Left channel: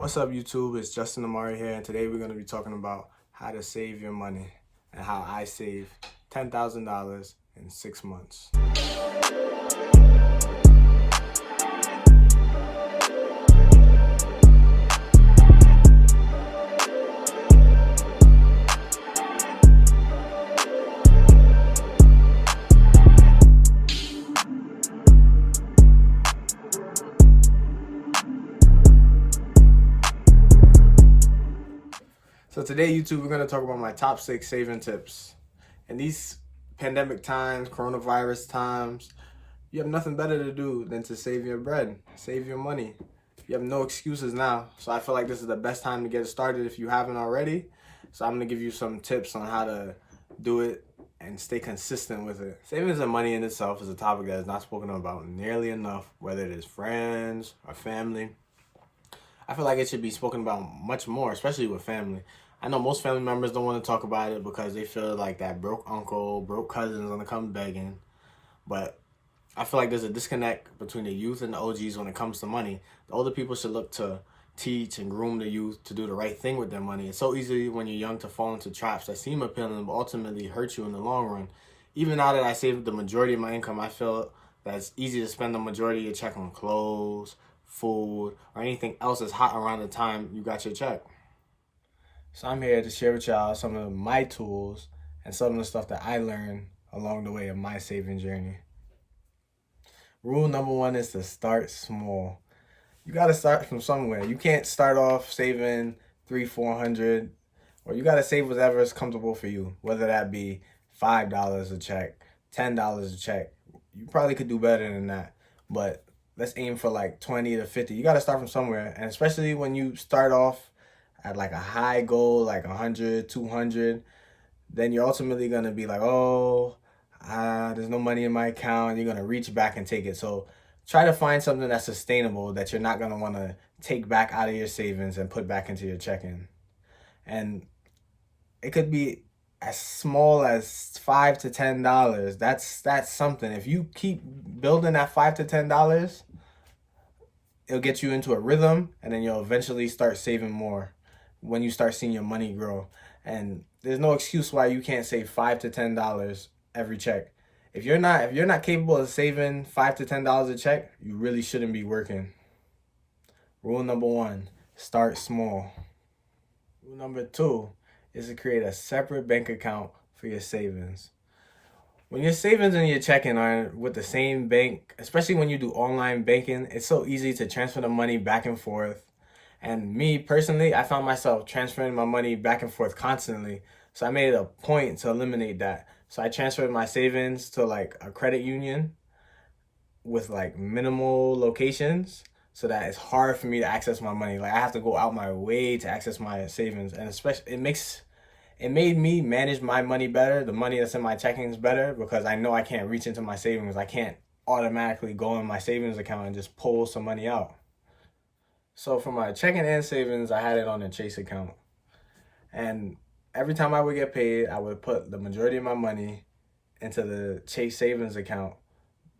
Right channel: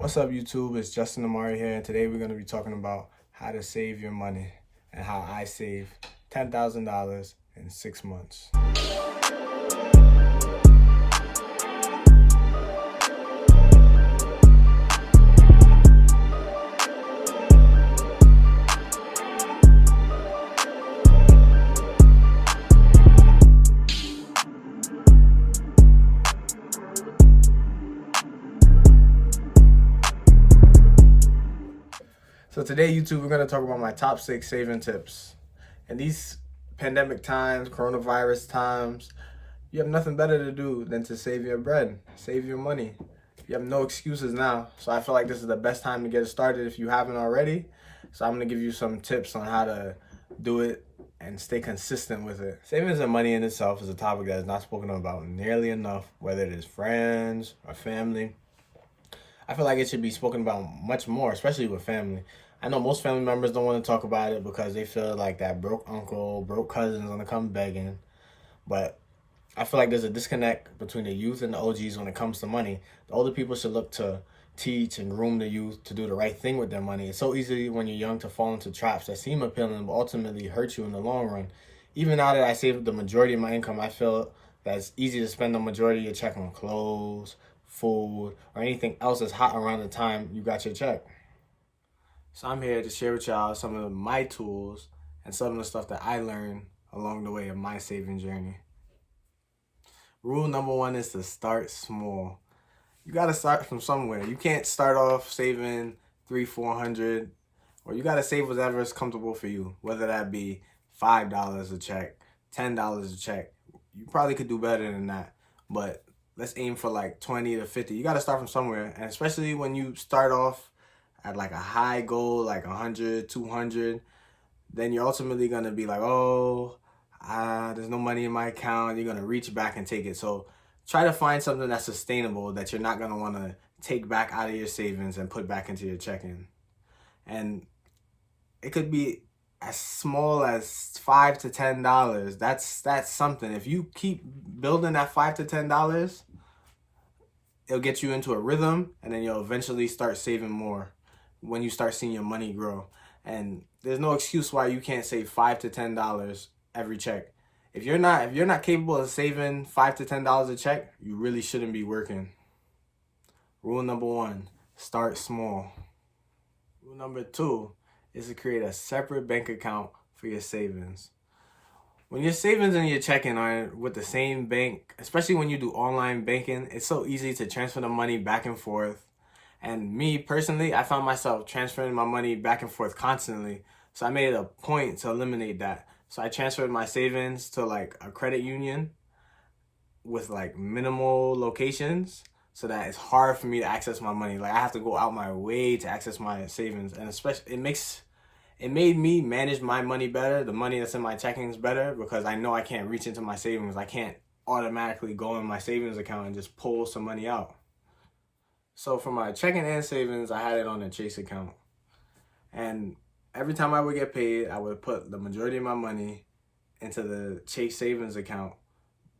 What's up, YouTube? It's Justin Amari here, and today we're going to be talking about how to save your money and how I saved $10,000 in 6 months. So today, YouTube, we're going to talk about my top 6 saving tips. In these pandemic times, coronavirus times, you have nothing better to do than to save your bread, save your money. You have no excuses now. So I feel like this is the best time to get started if you haven't already. So I'm going to give you some tips on how to do it and stay consistent with it. Savings and money in itself is a topic that is not spoken about nearly enough, whether it is friends or family. I feel like it should be spoken about much more, especially with family. I know most family members don't want to talk about it because they feel like that broke uncle, broke cousin's gonna come begging. But I feel like there's a disconnect between the youth and the OGs when it comes to money. The older people should look to teach and groom the youth to do the right thing with their money. It's so easy when you're young to fall into traps that seem appealing but ultimately hurt you in the long run. Even now that I save the majority of my income, I feel that it's easy to spend the majority of your check on clothes, food, or anything else that's hot around the time you got your check. So I'm here to share with y'all some of my tools and some of the stuff that I learned along the way of my saving journey. Rule number 1 is to start small. You got to start from somewhere. You can't start off saving $300-400, or you got to save whatever is comfortable for you, whether that be $5 a check, $10 a check. You probably could do better than that, but let's aim for like 20 to 50. You got to start from somewhere. And especially when you start off at like a high goal, like 100, 200, then you're ultimately going to be like, there's no money in my account. You're going to reach back and take it. So try to find something that's sustainable that you're not going to want to take back out of your savings and put back into your checking. And it could be as small as $5 to $10. That's something. If you keep building that $5 to $10, it'll get you into a rhythm, and then you'll eventually start saving more when you start seeing your money grow. And there's no excuse why you can't save $5 to $10 every check. If you're not capable of saving $5 to $10 a check, you really shouldn't be working. Rule number 1, start small. Rule number 2 is to create a separate bank account for your savings. When your savings and your checking are with the same bank, especially when you do online banking, it's so easy to transfer the money back and forth. And me personally, I found myself transferring my money back and forth constantly. So I made it a point to eliminate that. So I transferred my savings to like a credit union with like minimal locations, so that it's hard for me to access my money. Like I have to go out my way to access my savings. And especially it made me manage my money better. The money that's in my checkings better, because I know I can't reach into my savings. I can't automatically go in my savings account and just pull some money out. So for my checking and savings, I had it on a Chase account. And every time I would get paid, I would put the majority of my money into the Chase savings account.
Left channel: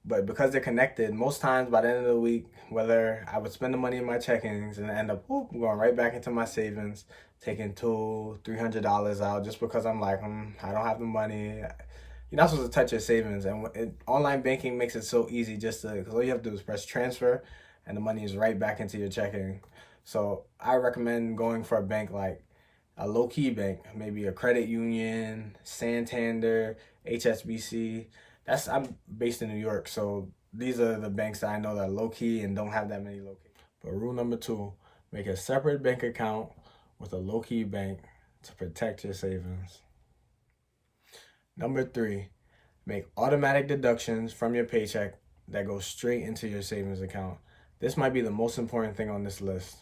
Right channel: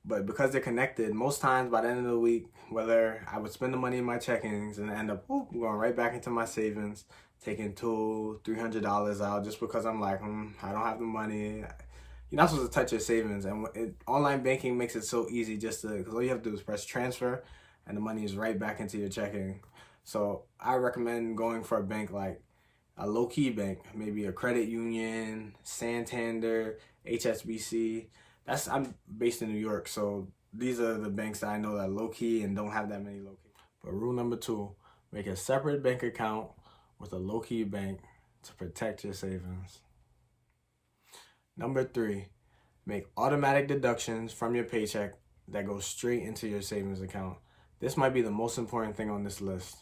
But because they're connected, most times by the end of the week, whether I would spend the money in my checkings and end up going right back into my savings, taking $200-300 out just because I'm like, I don't have the money. You're not supposed to touch your savings. And online banking makes it so easy because all you have to do is press transfer and the money is right back into your checking. So I recommend going for a bank like a low-key bank, maybe a credit union, Santander, HSBC. I'm based in New York, so these are the banks that I know that are low-key and don't have that many locations. But rule number 2, make a separate bank account with a low-key bank to protect your savings. Number 3, make automatic deductions from your paycheck that go straight into your savings account. This might be the most important thing on this list.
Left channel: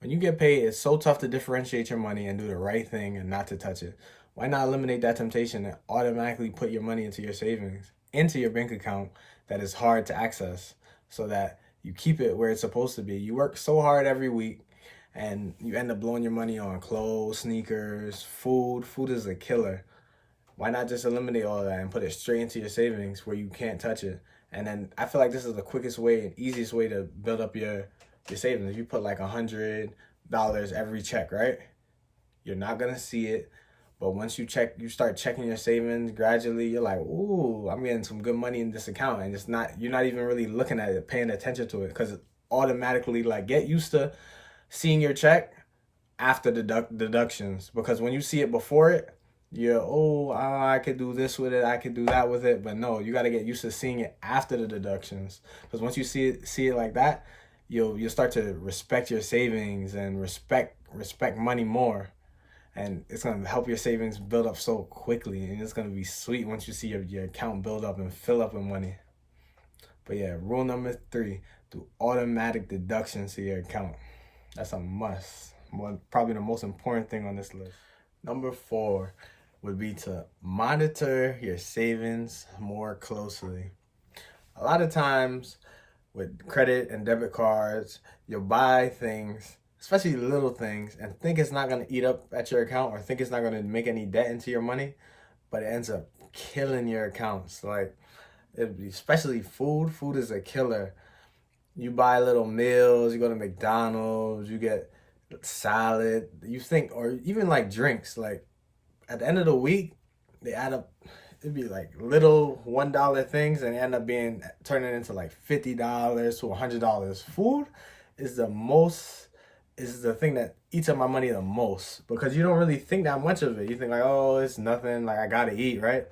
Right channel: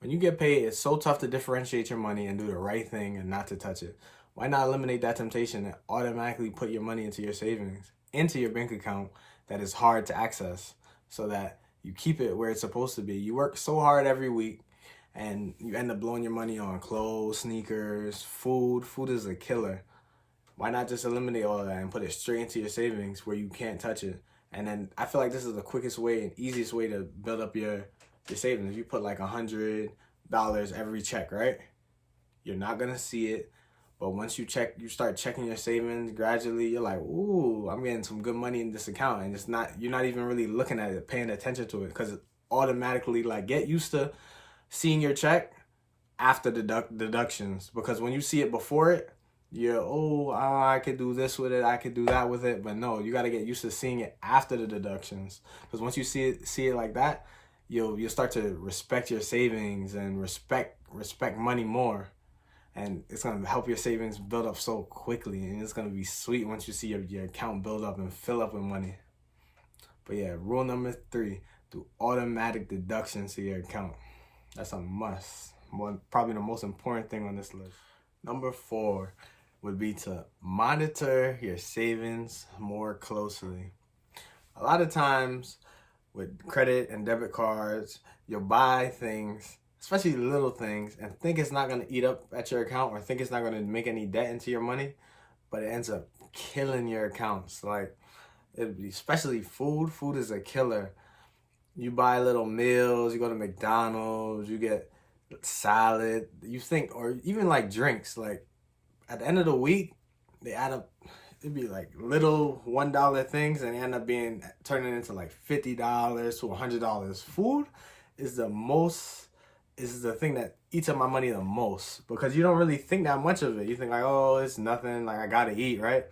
When you get paid, it's so tough to differentiate your money and do the right thing and not to touch it. Why not eliminate that temptation and automatically put your money into your savings, into your bank account that is hard to access, so that you keep it where it's supposed to be? You work so hard every week and you end up blowing your money on clothes, sneakers, food. Food is a killer. Why not just eliminate all of that and put it straight into your savings where you can't touch it? And then I feel like this is the quickest way and easiest way to build up your your savings. If you put like $100 every check, right? You're not gonna see it. But once you start checking your savings gradually, you're like, ooh, I'm getting some good money in this account. And you're not even really looking at it, paying attention to it, because automatically, like, get used to seeing your check after deductions. Because when you see it before it, you're, I could do this with it, I could do that with it. But no, you got to get used to seeing it after the deductions. Because once you see it like that, you'll start to respect your savings and respect money more. And it's going to help your savings build up so quickly. And it's going to be sweet once you see your account build up and fill up with money. But yeah, rule number 3, do automatic deductions to your account. That's a must. Probably the most important thing on this list. Number 4 would be to monitor your savings more closely. A lot of times with credit and debit cards, you'll buy things, especially little things, and think it's not going to eat up at your account or think it's not going to make any debt into your money, but it ends up killing your accounts. Like, especially food. Food is a killer. You buy little meals, you go to McDonald's, you get salad, you think, or even like drinks, like at the end of the week, they add up. It'd be like little $1 things, and they end up turning into like $50 to $100. Food is the thing that eats up my money the most, because you don't really think that much of it. You think like, oh, it's nothing, like I gotta eat, right?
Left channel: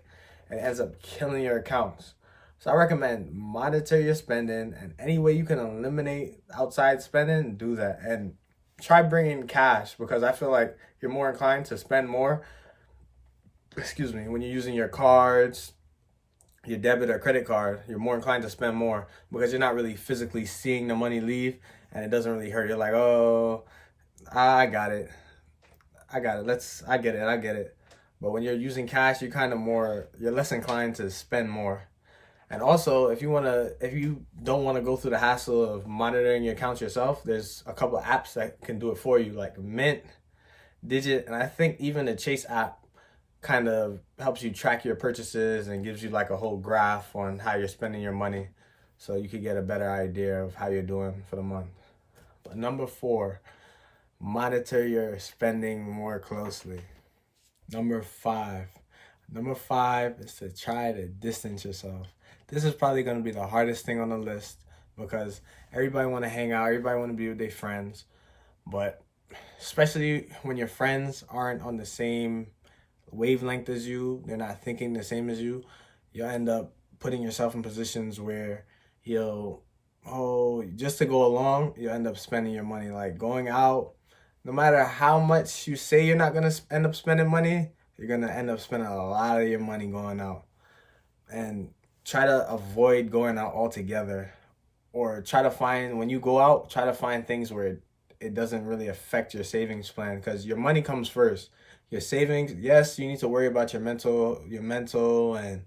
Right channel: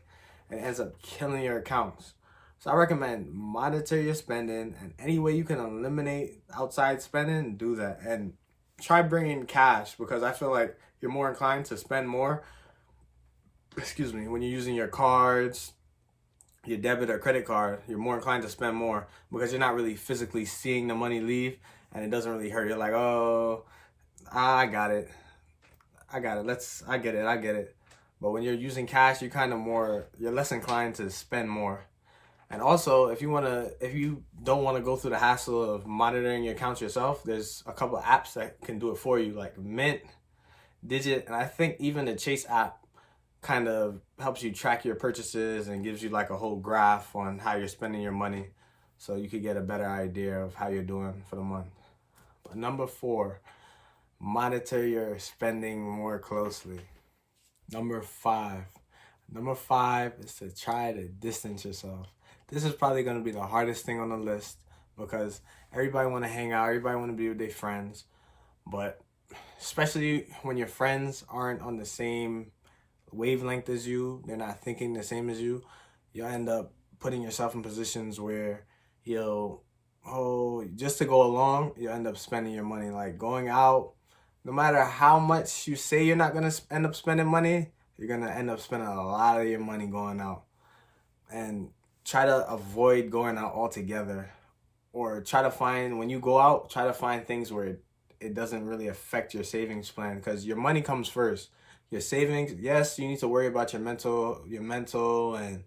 And it ends up killing your accounts. So I recommend monitor your spending, and any way you can eliminate outside spending, do that. And try bringing cash, because I feel like you're more inclined to spend more, when you're using your cards, your debit or credit card, you're more inclined to spend more because you're not really physically seeing the money leave, and it doesn't really hurt. You're like, oh, I got it. I get it. But when you're using cash, you're less inclined to spend more. And also, if you don't want to go through the hassle of monitoring your accounts yourself, there's a couple of apps that can do it for you, like Mint, Digit, and I think even the Chase app kind of helps you track your purchases and gives you like a whole graph on how you're spending your money, so you could get a better idea of how you're doing for the month. But number 4, monitor your spending more closely. Number 5 is to try to distance yourself. This is probably going to be the hardest thing on the list, because everybody want to hang out, everybody want to be with their friends, but especially when your friends aren't on the same wavelength as you, they're not thinking the same as you, you'll end up putting yourself in positions where just to go along, you'll end up spending your money. Like going out, no matter how much you say you're not going to end up spending money, you're going to end up spending a lot of your money going out. And try to avoid going out altogether, or when you go out, try to find things where it doesn't really affect your savings plan, because your money comes first. Your savings, yes, you need to worry about your mental and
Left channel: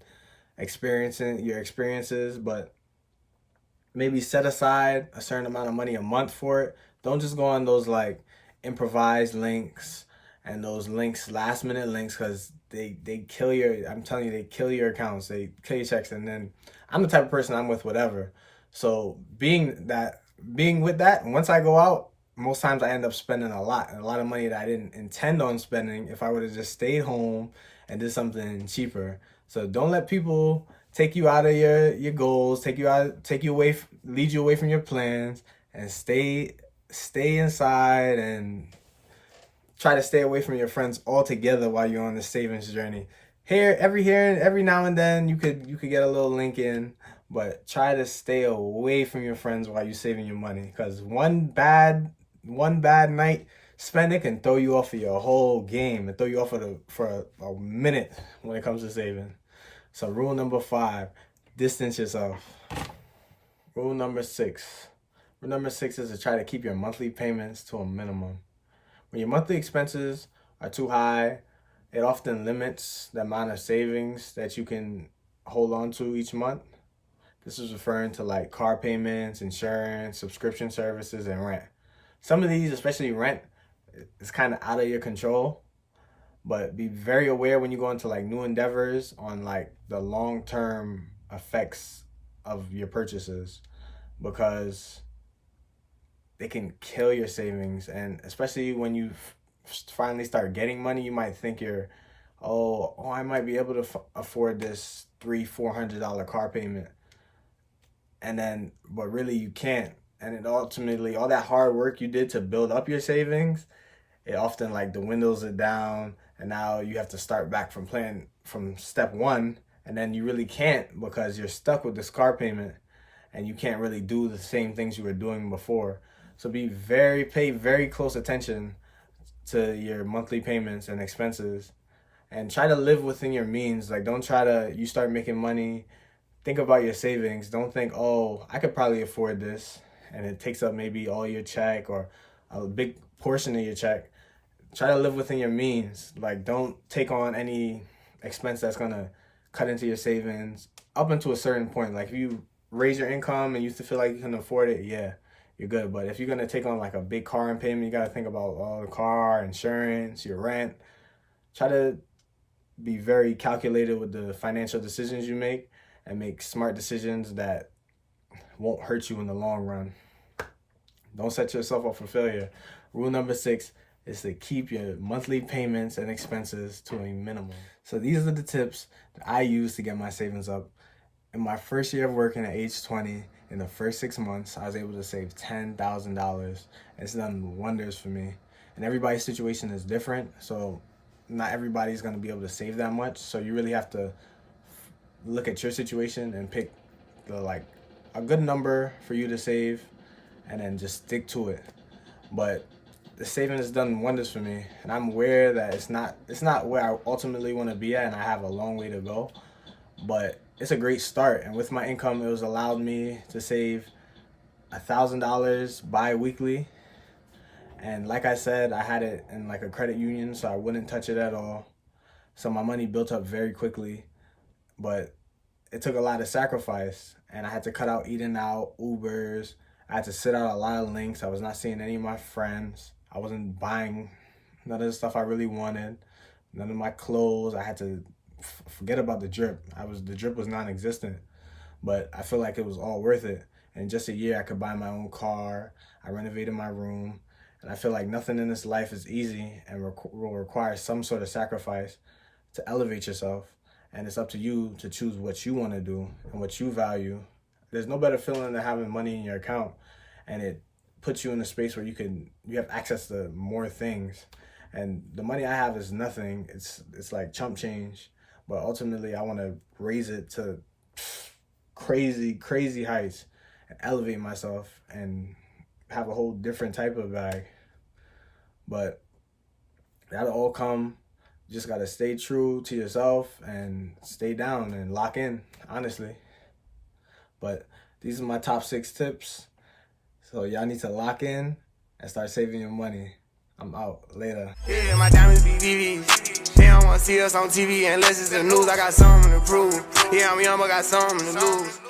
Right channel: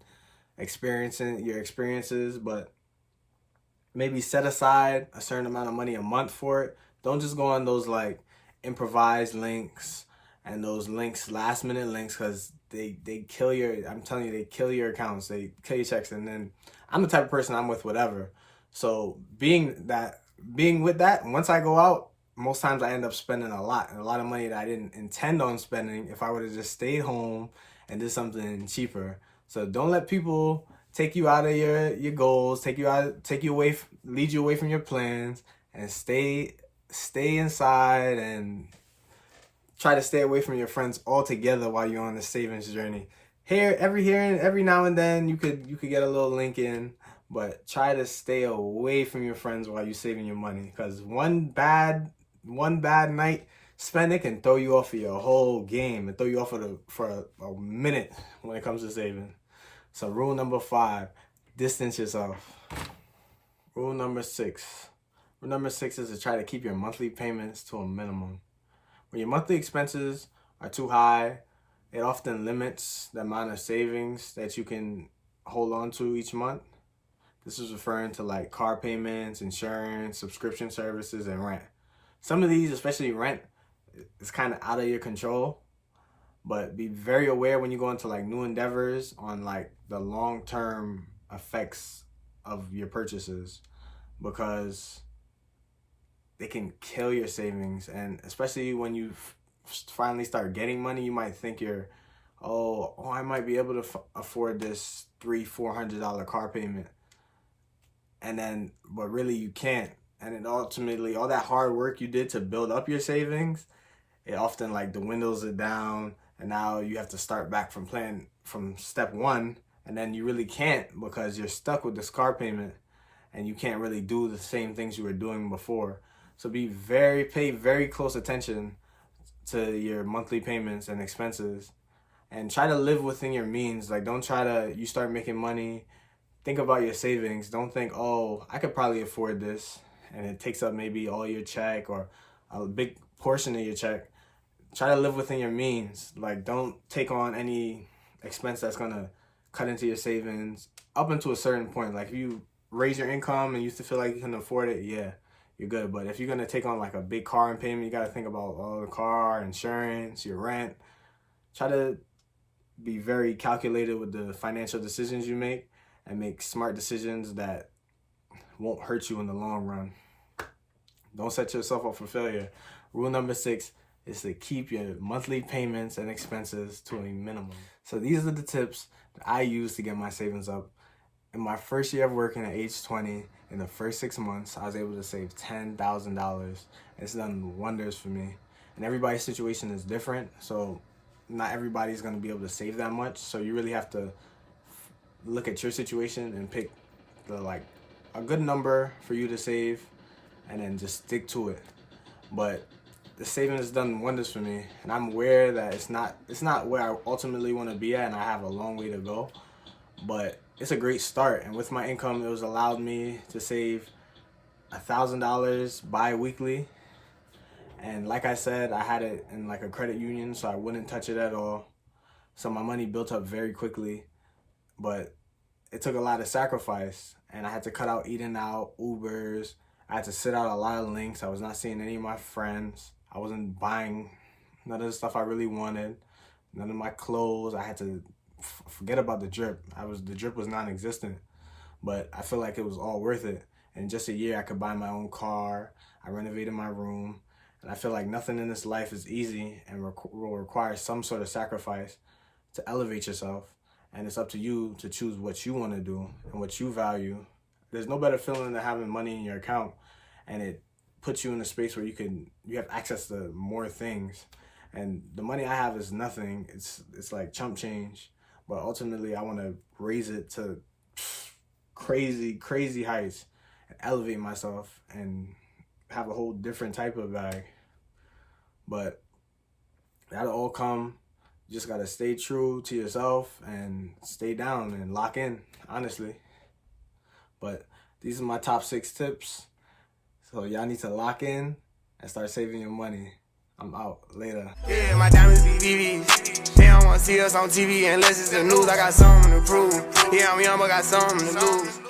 your experiences, but maybe set aside a certain amount of money a month for it. Don't just go on those like improvised links and those last minute links, because they kill I'm telling you, they kill your accounts, they kill your checks. And then I'm the type of person, I'm with whatever. So being with that, once I go out, most times I end up spending a lot of money that I didn't intend on spending if I would have just stayed home and did something cheaper. So don't let people take you out of your goals, lead you away from your plans, and stay inside and try to stay away from your friends altogether while you're on the savings journey. Every now and then you could get a little link in, but try to stay away from your friends while you're saving your money, because one bad night spending can throw you off of your whole game and throw you off for a minute when it comes to saving. So rule number 5, distance yourself. Rule number 6 is to try to keep your monthly payments to a minimum. When your monthly expenses are too high, it often limits the amount of savings that you can hold on to each month. This is referring to like car payments, insurance, subscription services, and rent. Some of these, especially rent, is kind of out of your control, but be very aware when you go into like new endeavors on like the long-term effects of your purchases, because they can kill your savings. And especially when you finally start getting money, you might think oh, I might be able to afford this $300-400 car payment. But really you can't. And then ultimately, all that hard work you did to build up your savings, it often like dwindles it down. And now you have to start back from playing from step one. And then you really can't, because you're stuck with this car payment and you can't really do the same things you were doing before. So pay very close attention to your monthly payments and expenses, and try to live within your means. Like, don't try to, you start making money, think about your savings. Don't think, oh, I could probably afford this, and it takes up maybe all your check or a big portion of your check. Try to live within your means. Like, don't take on any expense that's gonna cut into your savings up until a certain point. Like, if you raise your income and you feel like you can afford it, yeah, you're good. But if you're gonna take on like a big car payment, you gotta think about all the car, insurance, your rent. Try to be very calculated with the financial decisions you make, and make smart decisions that won't hurt you in the long run. Don't set yourself up for failure. Rule number 6 is to keep your monthly payments and expenses to a minimum. So these are the tips that I use to get my savings up. In my first year of working at age 20, in the first 6 months, I was able to save $10,000. It's done wonders for me. And everybody's situation is different, so not everybody's going to be able to save that much. So you really have to look at your situation and pick a good number for you to save, and then just stick to it. But the saving has done wonders for me, and I'm aware that it's not where I ultimately want to be at, and I have a long way to go. But it's a great start, and with my income, it was allowed me to save $1,000 bi-weekly. And like I said, I had it in like a credit union, so I wouldn't touch it at all. So my money built up very quickly, but it took a lot of sacrifice, and I had to cut out eating out, Ubers. I had to sit out a lot of links. I was not seeing any of my friends. I wasn't buying none of the stuff I really wanted, none of my clothes. I had to forget about the drip. The drip was non-existent, but I feel like it was all worth it. In just a year, I could buy my own car. I renovated my room. And I feel like nothing in this life is easy and will require some sort of sacrifice to elevate yourself. And it's up to you to choose what you want to do and what you value. There's no better feeling than having money in your account, and it puts you in a space where you have access to more things. And the money I have is nothing. It's like chump change. But ultimately, I want to raise it to crazy heights and elevate myself and have a whole different type of bag. But that'll all come. You just gotta stay true to yourself and stay down and lock in, honestly. But these are my top 6 tips. So y'all need to lock in and start saving your money. I'm out. Later. Yeah, my diamonds be VVs. They don't wanna see us on TV unless it's the news. I got something to prove. Yeah, I'm young, but got something to lose.